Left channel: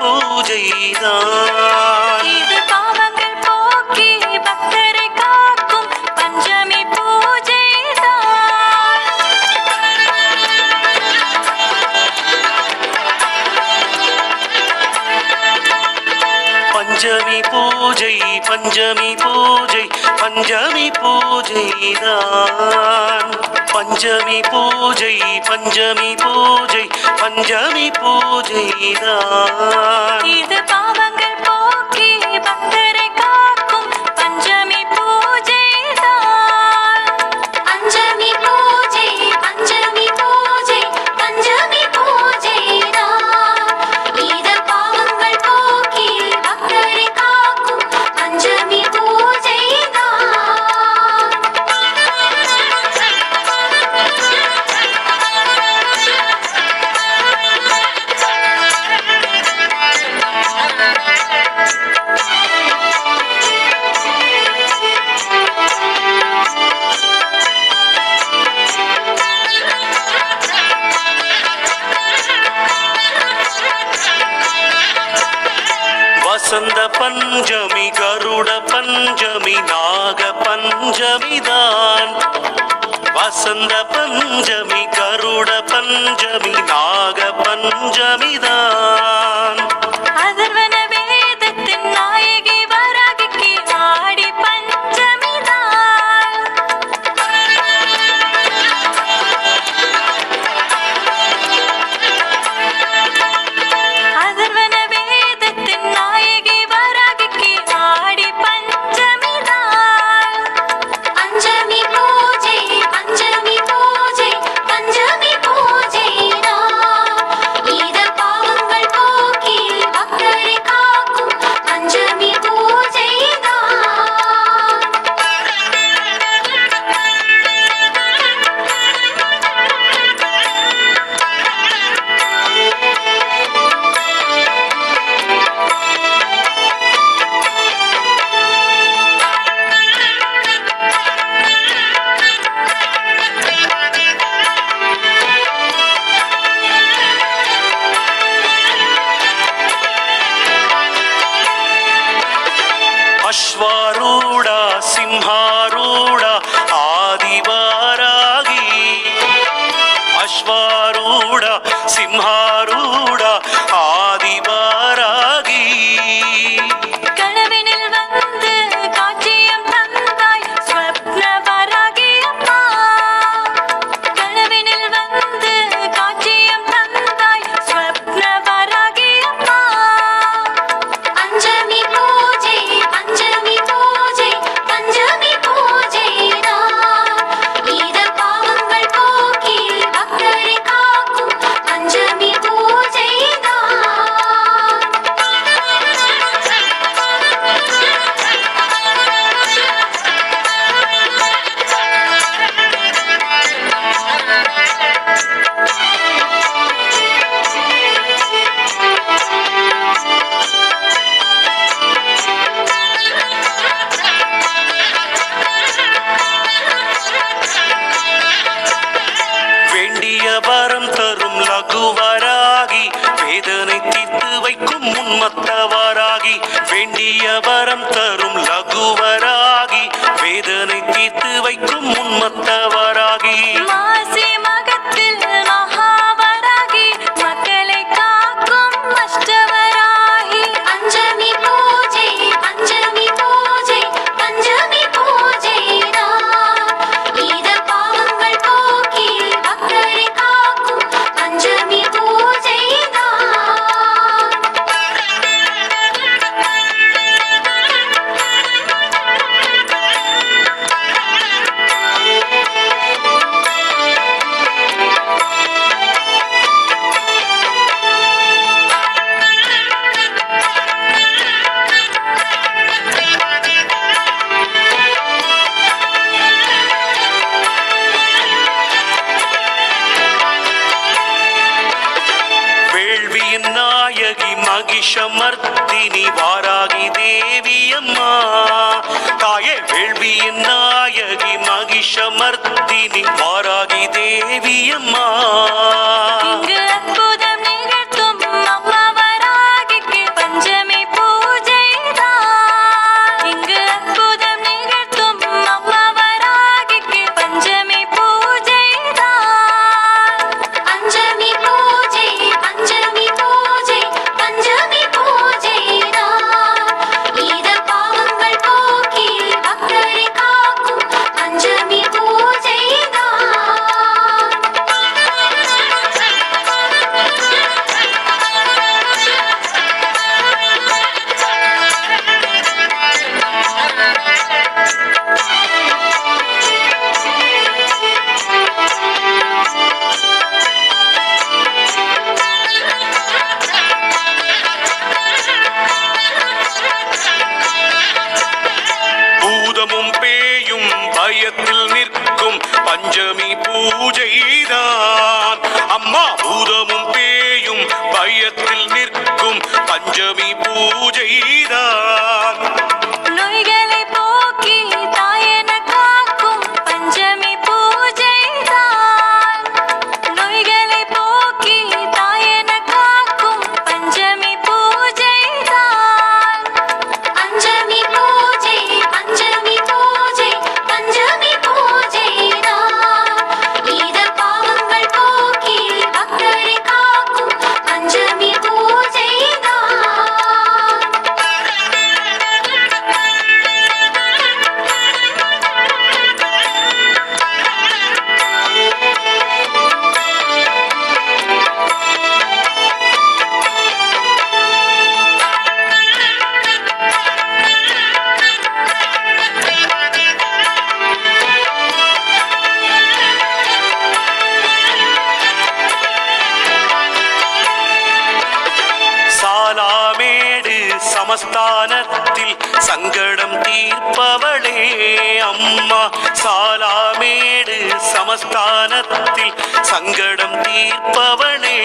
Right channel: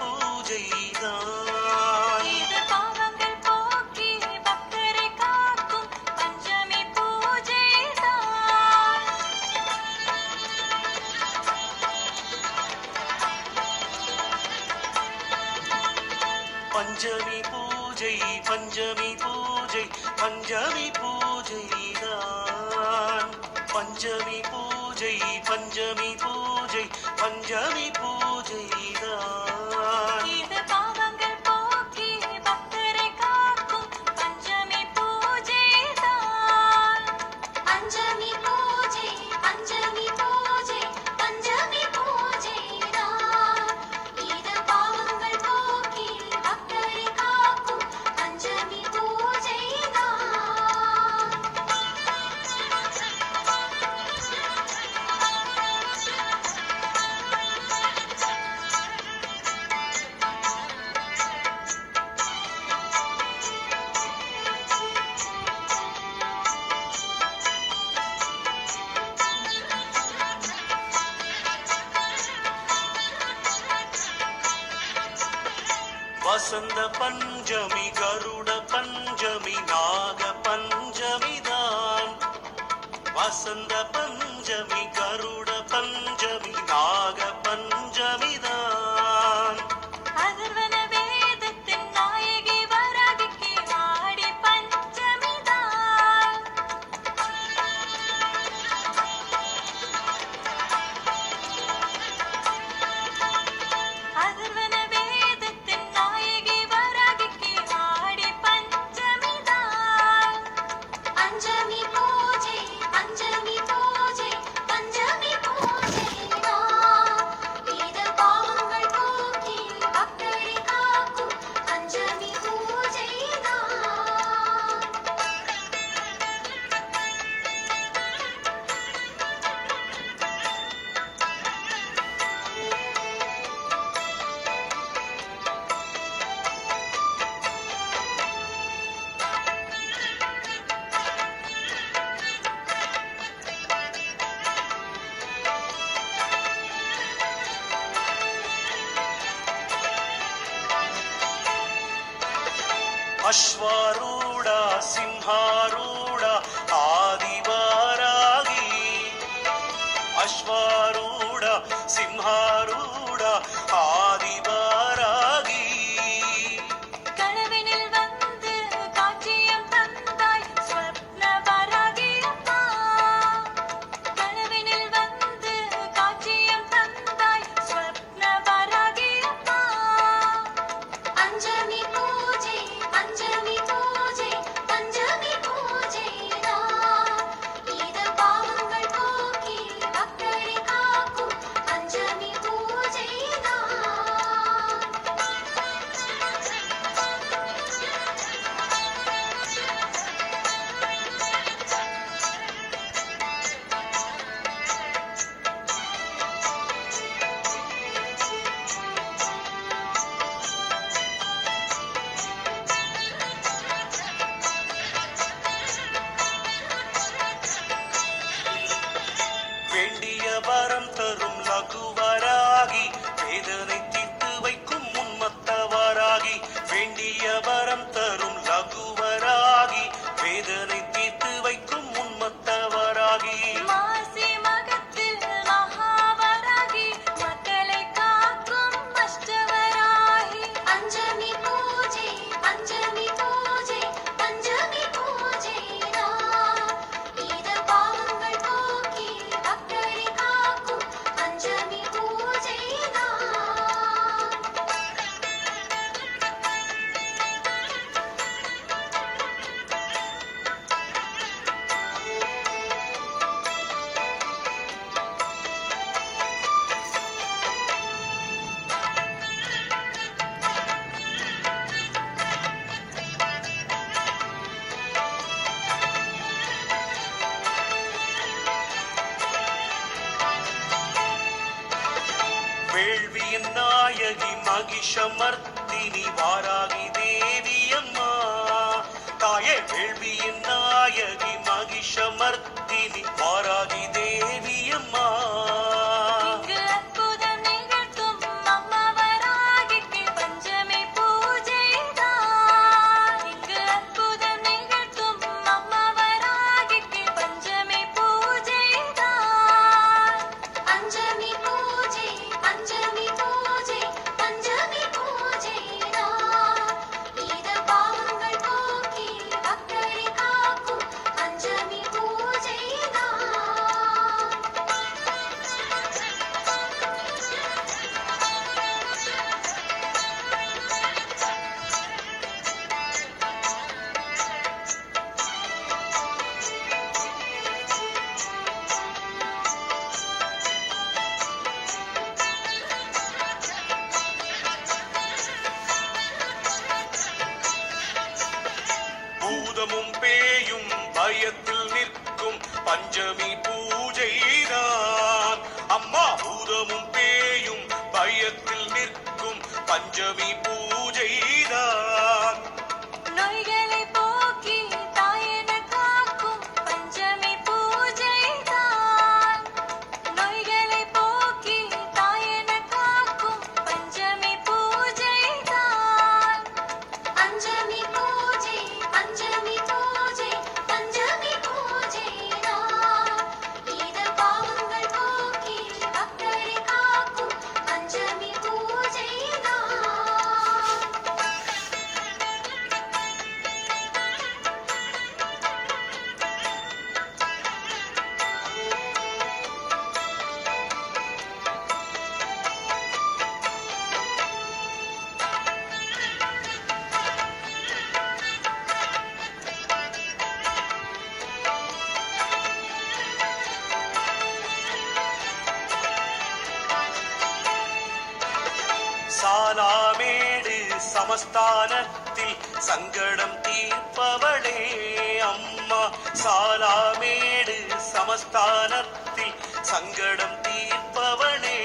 பூஜைதான். இது பாவங்கள் போக்கி பக்தரை காக்கும் பஞ்சமி பூஜைதான். பஞ்சமி பூஜை பஞ்சமி பூஜை பஞ்சமி பூஜைதான். பஞ்சமி பூஜை பஞ்சமி பூஜை பஞ்சமி பூஜைதான். இது பாவங்கள் போக்கி பக்தரை காக்கும் பஞ்சமி பூஜைதான். பஞ்சமி பூஜை பஞ்சமி பூஜை பஞ்சமி பூஜைதான். இது பாவங்கள் போக்கி பக்தரை காக்கும் பஞ்சமி வசந்த பஞ்சமி கருட பஞ்சமி நாக பஞ்சமிதான். வசந்த பஞ்சமி கருட பஞ்சமி நாக பஞ்சமிதான். அதர்வன வேதத்தின் நாயகி வராகிக்கு ஆடி பஞ்சமிதான். அதர்வன வேதத்தின் நாயகி வராகிக்கு ஆடி பஞ்சமிதான். பஞ்சமி பூஜை பஞ்சமி பூஜை பஞ்சமி பூஜைதான். இது பாவங்கள் போக்கி பக்தரை காக்கும் பஞ்சமி அஸ்வாரூட சிம்ஹாரூட ஆதிவாராகி. அஸ்வாரூட சிம்ஹாரூட ஆதிவாராகி. கனவினில் வந்து காட்சியம் தந்தாய் ஸ்வப்ன வராகி அம்மா. கனவினில் வந்து காட்சியம் தந்தாய் ஸ்வப்ன வராகி அம்மா. பஞ்சமி பூஜை பஞ்சமி பூஜை பஞ்சமி பூஜைதான். இது பாவங்கள் போக்கி பக்தரை காக்கும் பஞ்சமி வேண்டிய வரம் தரும் லகுவராகி வேதனை தீர்த்து வைக்கும் உன்மத்தவராகி. வேண்டிய வரம் தரும் லகுவராகி வேதனை தீர்த்து வைக்கும் உன்மத்தவராகி. மாசி மகத்தில் மகாவராகி மக்களை காக்கும் அஷ்டவராகி. பஞ்சமி பூஜை பஞ்சமி பூஜை பஞ்சமி பூஜைதான். இது பாவங்கள் போக்கி பக்தரை காக்கும் பஞ்சமி மகிஷமர்த்தினி வாராகி தேவியம்மா. தாயே வேள்வியின் நாயகி மகிஷமர்த்தினி வாராகி தேவியம்மா. இங்கு அற்புதம் நிகழ்த்தும் அம்மா வராகிக்கு பஞ்சமி பூஜைதான். நோய்களை போக்கி தாயென காக்கும் பஞ்சமி பூஜைதான். நோய்களை போக்கி தாயென காக்கும் பஞ்சமி பூஜைதான். பஞ்சமி பூஜை பஞ்சமி பூஜை பஞ்சமி பூஜைதான். ஈத பாவங்கள் போக்கி பக்தரை காக்கும் பஞ்சமி பூஜைதான். சாலாமேடு சமஸ்தானத்தில் சங்கடம் தீர்ப்பவளே அம்மா. சாலாமேடு சமஸ்தானத்தில் சங்கடம் தீர்ப்பவளே